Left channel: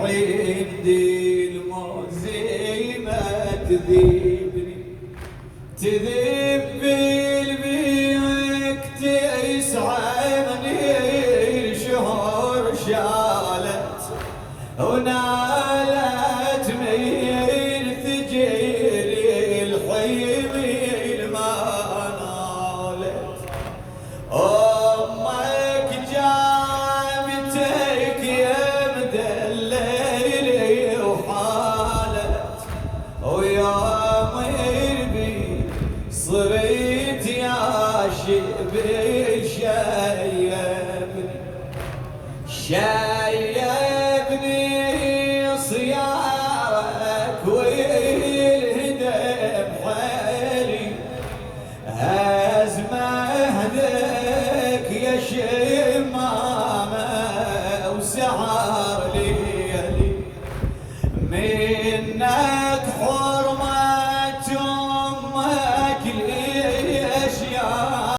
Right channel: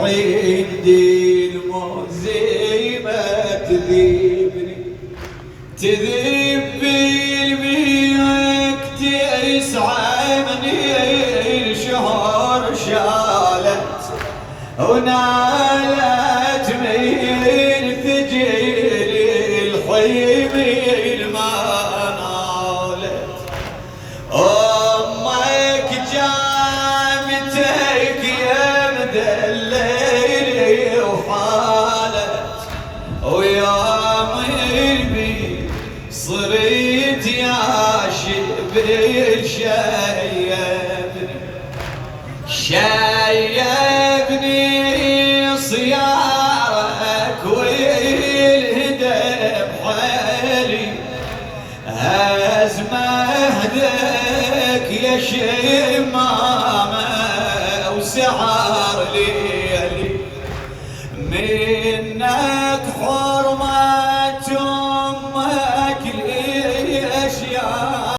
عندي الموزيمة تذيبني تذيب بالميك تسعمني الشهور شالت ونالت من ثجل الحميل ما نالت أمك جامتك يا مدلل وحالت ويا ملبي صرت يا شبل شيبني صيارك والهدم حالي هز مهدك يا شمامة وسعر ليلي من